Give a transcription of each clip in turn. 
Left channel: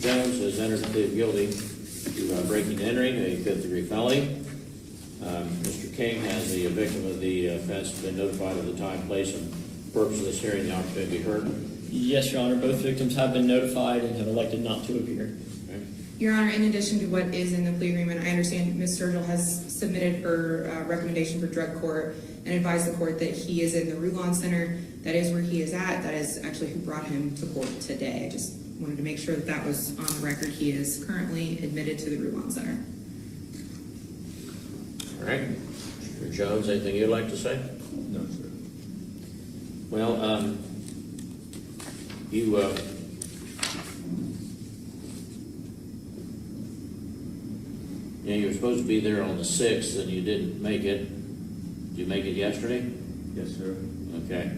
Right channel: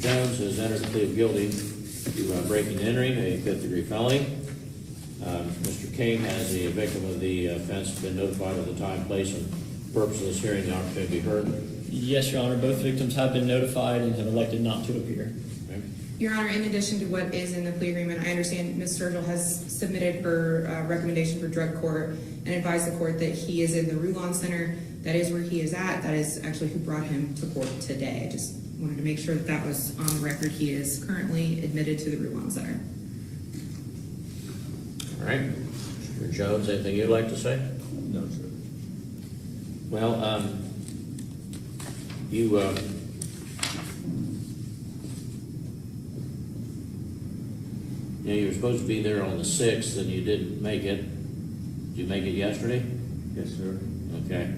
Mr. Jones has entered a plea of guilty to breaking and entering, a 5th-degree felony. Mr. King has the victim of the offense been notified of the time, place, and purpose of this hearing, the opportunity to be heard? Yes, Your Honor. Both victims have been notified and have elected not to appear. Okay. Your Honor, in addition to what is in the plea agreement, I understand Ms. Sturgill has submitted her recommendation for drug court and advised the court that he is in the Rulon Center. That is where he is at. That is actually who brought him to court today. I just wanted to make sure that that was on the record. He is currently admitted to the Rulon Center. All right. Mr. Jones, anything you'd like to say? No, sir. Well, you were supposed to be there on the 6th, and you didn't make it. Did you make it yesterday? Yes, sir. Okay.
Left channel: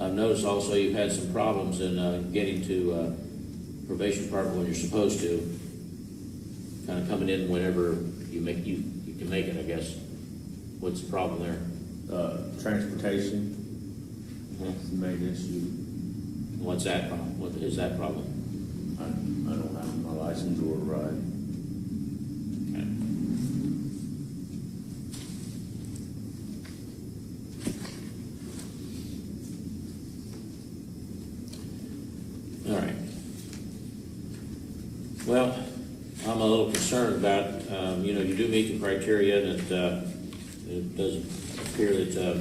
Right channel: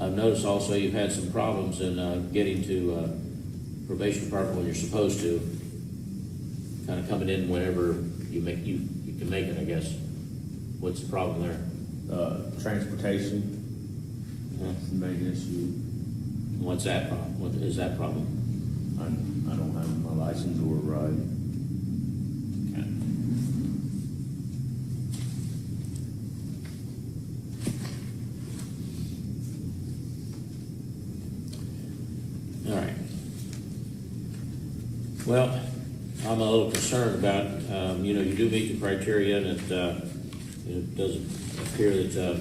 I've noticed also you've had some problems in getting to probation department when you're supposed to. Kind of coming in whenever you can make it, I guess. What's the problem there? Transportation. That's the main issue. What's that problem? What is that problem? I don't have my license or a ride. Okay. All right. Well, I'm a little concerned about, you do meet the criteria, and it doesn't appear that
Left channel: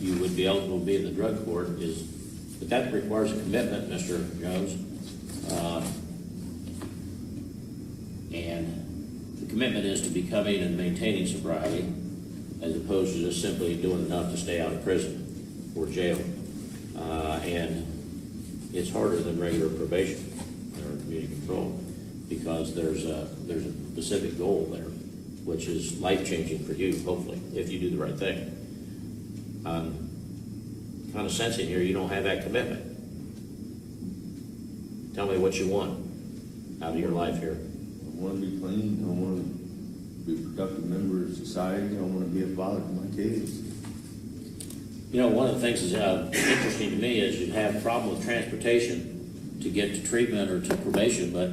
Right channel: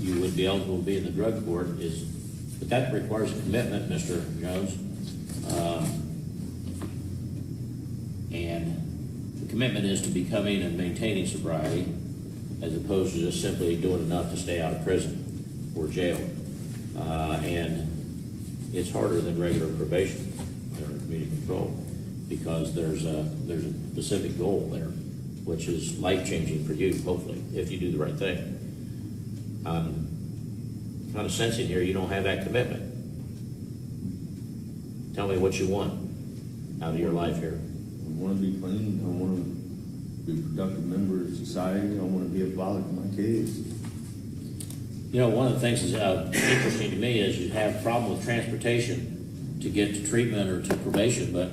you would be eligible to be in the drug court, but that requires a commitment, Mr. Jones. And the commitment is to becoming and maintaining sobriety, as opposed to just simply doing enough to stay out of prison or jail. And it's harder than regular probation or community control, because there's a specific goal there, which is life-changing for you, hopefully, if you do the right thing. I'm kind of sensing here you don't have that commitment. Tell me what you want out of your life here. I want to be clean. I want to be a productive member of society. I want to be a father to my kids. One of the things that's interesting to me is you have a problem with transportation to get to treatment or to probation, but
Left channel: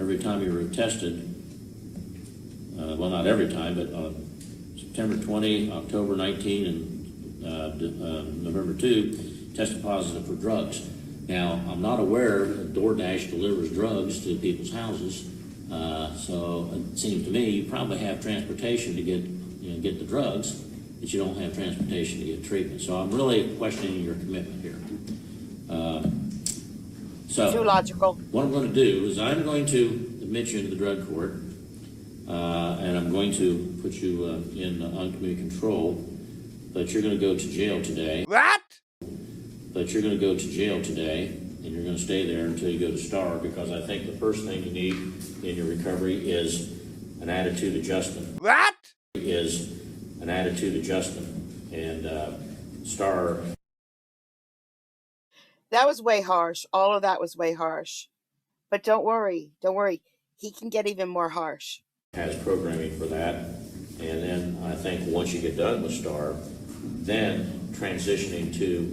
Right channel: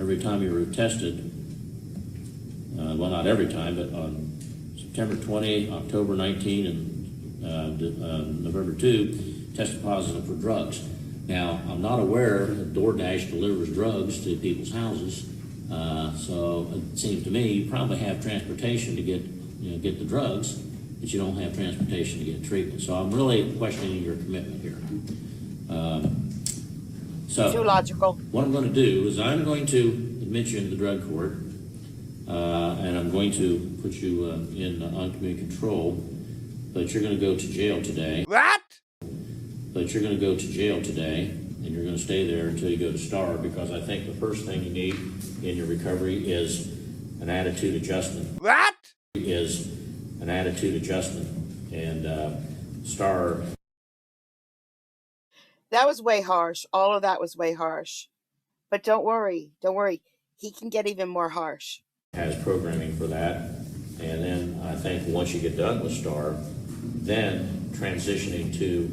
every time you were tested, well, not every time, but on September 20, October 19, and November 2, tested positive for drugs. Now, I'm not aware that DoorDash delivers drugs to people's houses, so it seems to me you probably have transportation to get the drugs, but you don't have transportation to get treatment. So I'm really questioning your commitment here. Too logical. What I'm going to do is I'm going to admit you into the drug court, and I'm going to put you in uncommunity control, but you're going to go to jail today. What? But you're going to go to jail today, and you're going to stay there until you go to STAR, because I think the first thing you need in your recovery is an attitude adjustment. What? Is an attitude adjustment, and STAR. That was way harsh. All of that was way harsh. But don't worry. He can get even more harsh. Has programming for that, and then I think once you get done with STAR, then transitioning to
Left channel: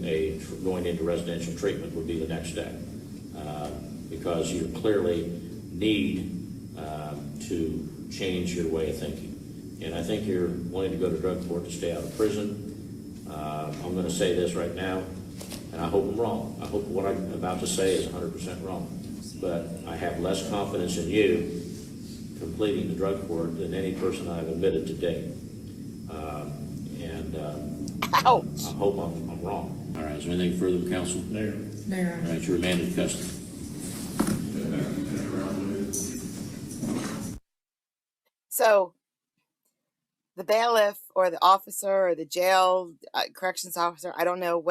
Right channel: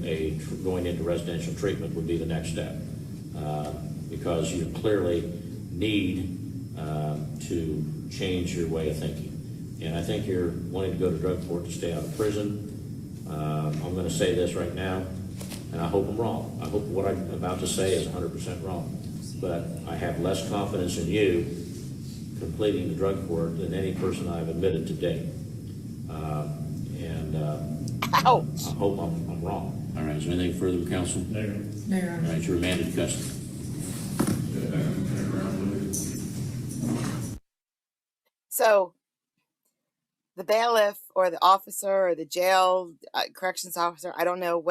going into residential treatment would be the next step, because you clearly need to change your way of thinking. And I think you're wanting to go to drug court to stay out of prison. I'm going to say this right now, and I hope I'm wrong. I hope what I'm about to say is 100% wrong. But I have less confidence in you completing the drug court than any person I've admitted to date. Ouch. I hope I'm wrong. All right, is there anything further, counsel? No, Your Honor. All right, you're remanded to custody. So the bailiff or the officer or the jail corrections officer, I don't know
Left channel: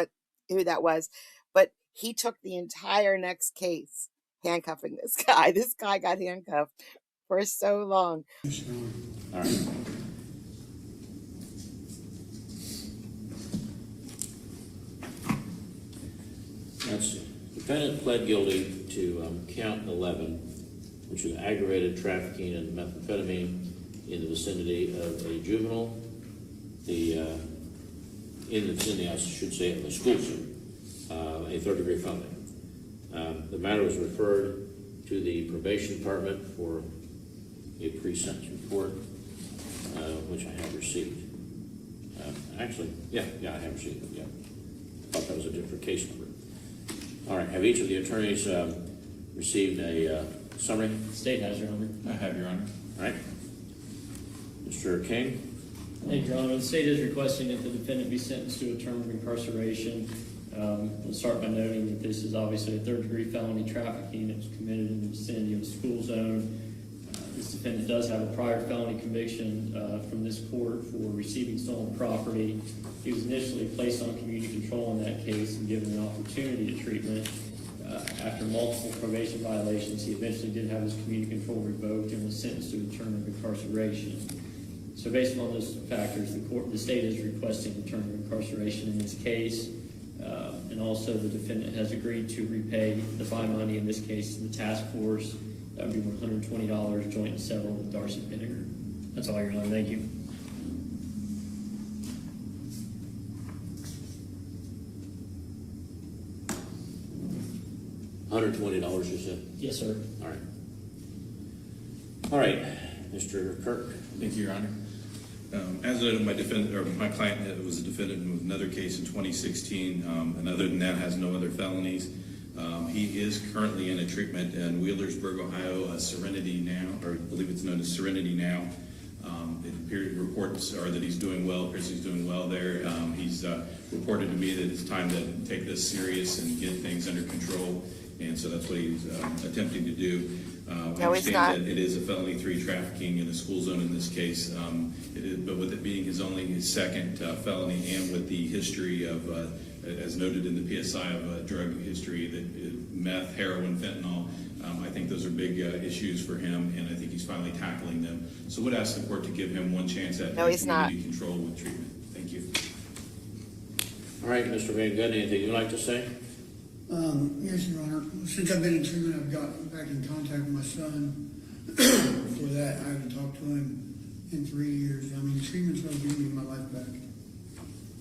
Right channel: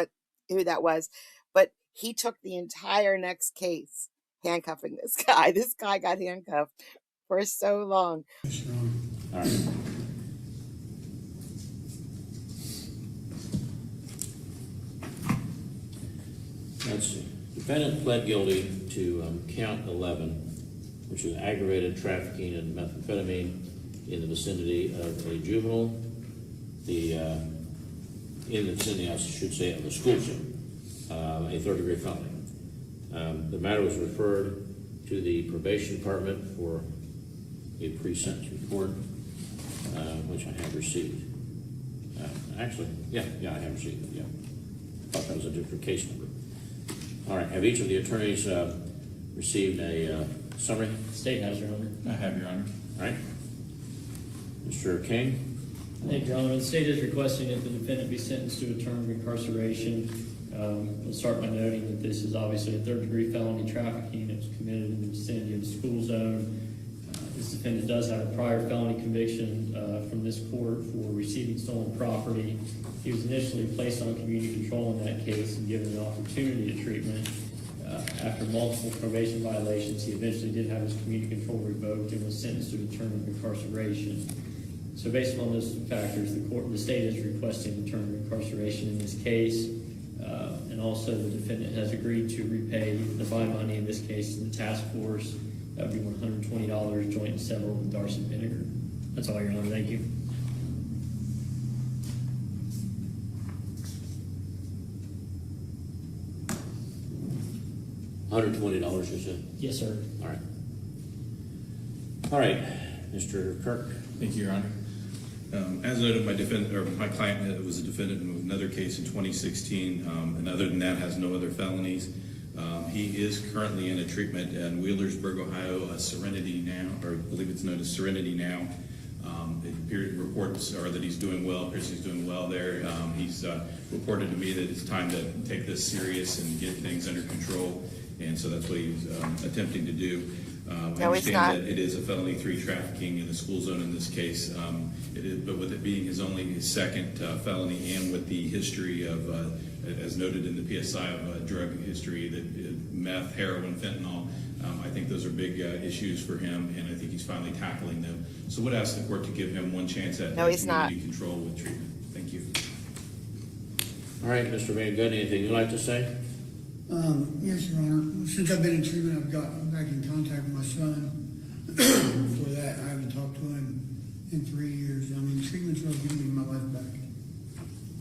who that was, but he took the entire next case handcuffing this guy. This guy got handcuffed for so long. All right. Let's see. Defendant pled guilty to count 11, which is aggravated trafficking and methamphetamine in the vicinity of a juvenile, in the vicinity, I should say, of a school shooter, a third-degree felony. The matter was referred to the probation department for a pre-sentence report, which I have received. Actually, yeah, I have received it, yeah. Thought that was a different case number. All right, have each of the attorneys received a summary? State has, Your Honor. I have, Your Honor. All right. Mr. King? Thank you, Your Honor. The state is requesting that the defendant be sentenced to a term of incarceration. We'll start by noting that this is obviously a third-degree felony trafficking that was committed in the vicinity of the school zone. This defendant does have a prior felony conviction from this court for receiving stolen property. He was initially placed on community control in that case and given an opportunity to treatment. After multiple probation violations, he eventually did have his community control revoked and was sentenced to a term of incarceration. So based on those factors, the state is requesting a term of incarceration in this case. And also the defendant has agreed to repay the fine money, in this case, to the task force. That would be $120 joint and several with Darcy Vinegar. That's all, Your Honor. Thank you. $120, you said? Yes, sir. All right. All right, Mr. Kirk. Thank you, Your Honor. As noted, my client was a defendant in another case in 2016, and other than that, has no other felonies. He is currently in a treatment in Wheelersburg, Ohio, Serenity Now, or I believe it's known as Serenity Now. Reports are that he's doing well. Chris is doing well there. He's reported to me that it's time to take this serious and get things under control, and so that's what he's attempting to do. No, it's not. That it is a felony 3 trafficking in a school zone in this case, but with it being his second felony, and with the history of, as noted in the PSI, of drug history, that meth, heroin, fentanyl, I think those are big issues for him, and I think he's finally tackling them. So would ask the court to give him one chance at community control with treatment. Thank you. All right, Mr. Van Gundy, anything you'd like to say? Yes, Your Honor. Since I've been in treatment, I've gotten back in contact with my son. Before that, I haven't talked to him in 3 years. I mean, treatment's really giving me my life back.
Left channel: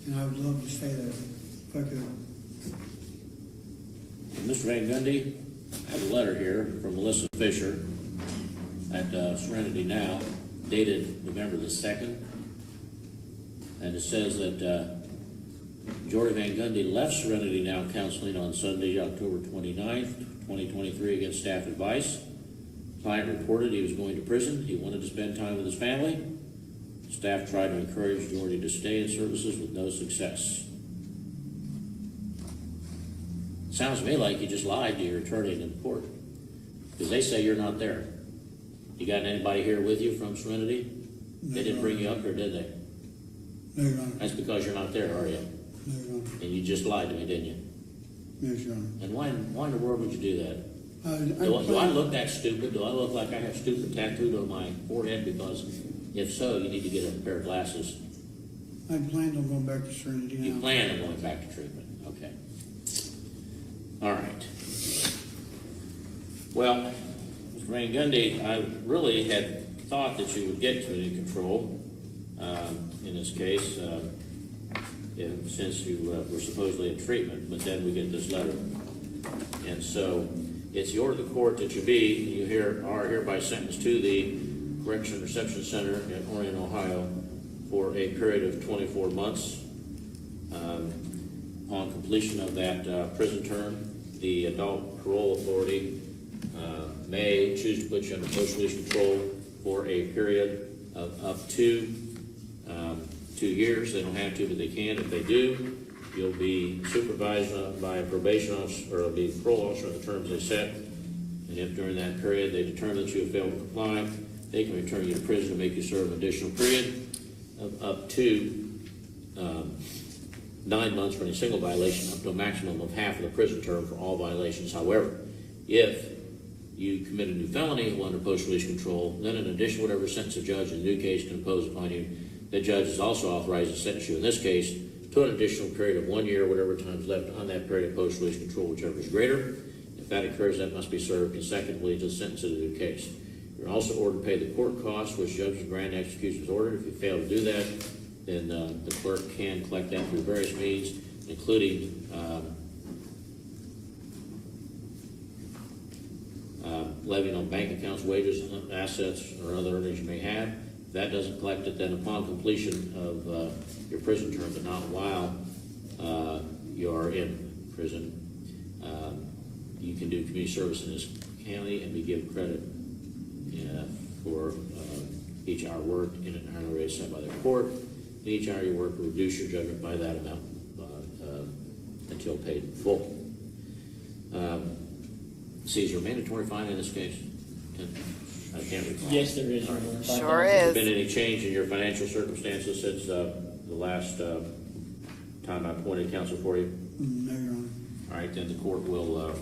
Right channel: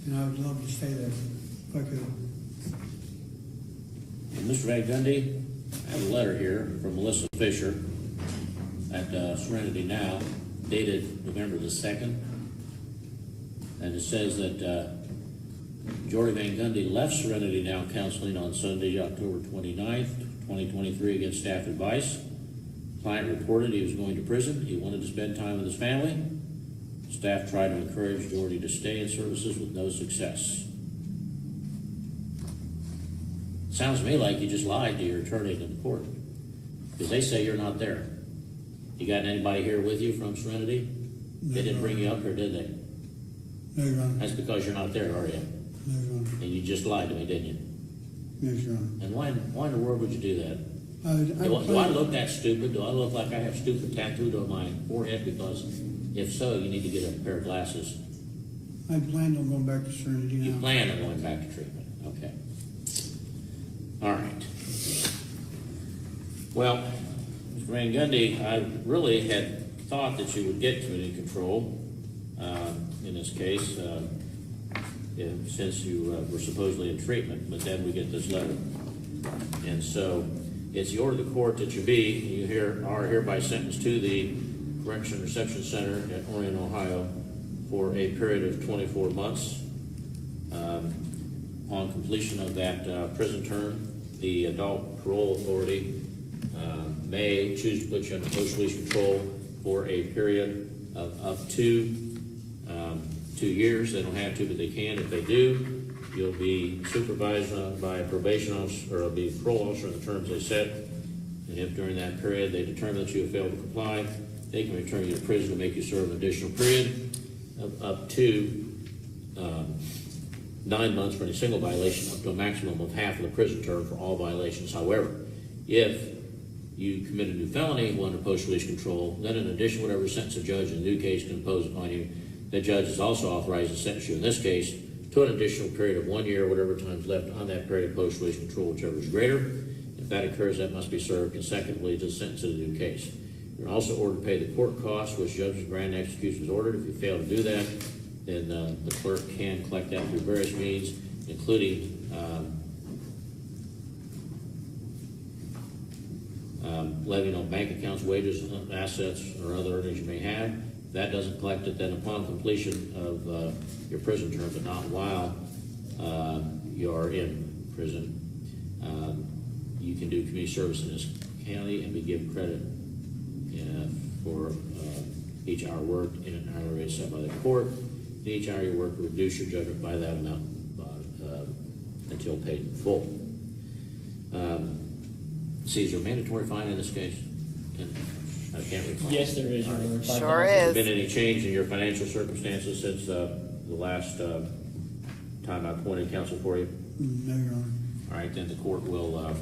And I would love to stay there if I could. Mr. Van Gundy, I have a letter here from Melissa Fisher at Serenity Now, dated November the 2nd. And it says that Jory Van Gundy left Serenity Now counseling on Sunday, October 29th, 2023 against staff advice. Client reported he was going to prison. He wanted to spend time with his family. Staff tried to encourage Jory to stay in services with no success. Sounds to me like you just lied to your attorney in the court, because they say you're not there. You got anybody here with you from Serenity? They didn't bring you up here, did they? No, Your Honor. That's because you're not there, are you? No, Your Honor. And you just lied to me, didn't you? Yes, Your Honor. And why in the world would you do that? I Do I look that stupid? Do I look like I have stupid tattooed on my forehead? Because if so, you need to get a pair of glasses. I planned on going back to Serenity Now. You plan on going back to treatment. Okay. All right. Well, Mr. Van Gundy, I really had thought that you would get community control in this case since you were supposedly in treatment, but then we get this letter. And so it's the order of the court that you are hereby sentenced to the Correction Reception Center in Orion, Ohio for a period of 24 months. Upon completion of that prison term, the Adult Parole Authority may choose to put you under post-release control for a period of up to 2 years. They don't have to, but they can. If they do, you'll be supervised by a probation officer, or be a parole officer on the terms they set. And if during that period they determine that you have failed to comply, they can return you to prison to make you serve an additional period of up to 9 months for any single violation, up to a maximum of half of the prison term for all violations. However, if you commit a new felony under post-release control, then in addition to whatever sentence a judge in the new case can impose upon you, the judge is also authorized to sentence you in this case to an additional period of 1 year, whatever time is left on that period of post-release control, whichever is greater. If that occurs, that must be served consecutively to the sentence of the new case. You're also ordered to pay the court costs, which judges grant execution is ordered. If you fail to do that, then the clerk can collect that through various means, including levying on bank accounts, wages, assets, or other earnings you may have. If that doesn't collect it, then upon completion of your prison term, but not while you're in prison, you can do community service in this county and be given credit for each hour worked in an hourly rate set by the court. And each hour you work will reduce your judgment by that amount until paid in full. See, is there a mandatory fine in this case? I can't recall. Yes, there is, Your Honor. Sure Has is. there been any change in your financial circumstances since the last time I appointed counsel for you? No, Your Honor. All right, then the court will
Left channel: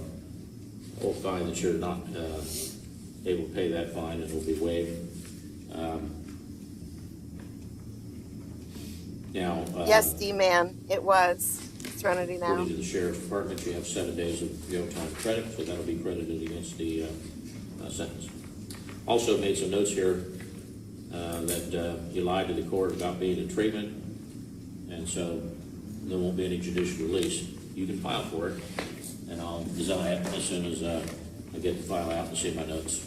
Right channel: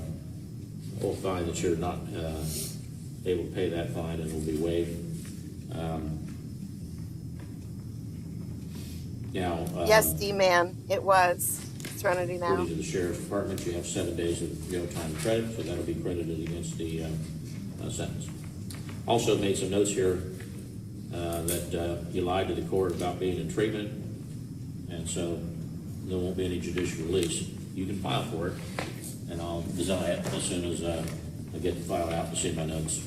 find that you're not able to pay that fine, and it will be waived. Now, Yes, D-man, it was. Serenity now. according to the sheriff's department, you have 7 days of jail time credit, so that'll be credited against the sentence. Also made some notes here that you lied to the court about being in treatment, and so there won't be any judicial release. You can file for it, and I'll design it as soon as I get the file out and see my notes.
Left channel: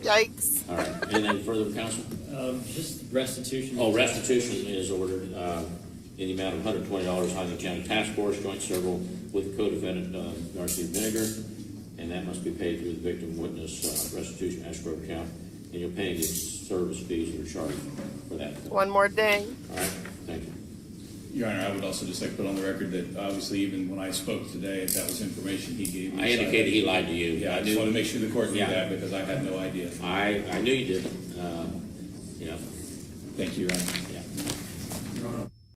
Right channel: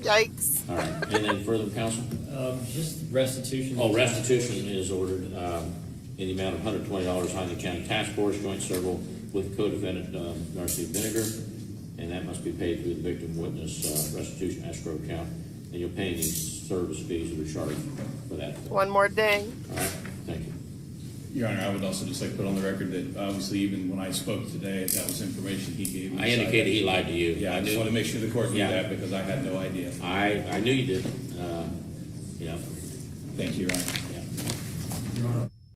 Yikes. All right, anything further, counsel? Just restitution. Oh, restitution is ordered in the amount of $120, Huntington County Task Force, joint several with co-defendant Darcy Vinegar, and that must be paid through the victim witness restitution escrow account, and you'll pay any service fees that are charged for that. One more ding. All right, thank you. Your Honor, I would also just like to put on the record that obviously even when I spoke today, that was information he gave me. I indicated he lied to you. Yeah, I just want to make sure the court knew Yeah. that because I had no idea. I knew you did. You know. Thank you, Your Honor.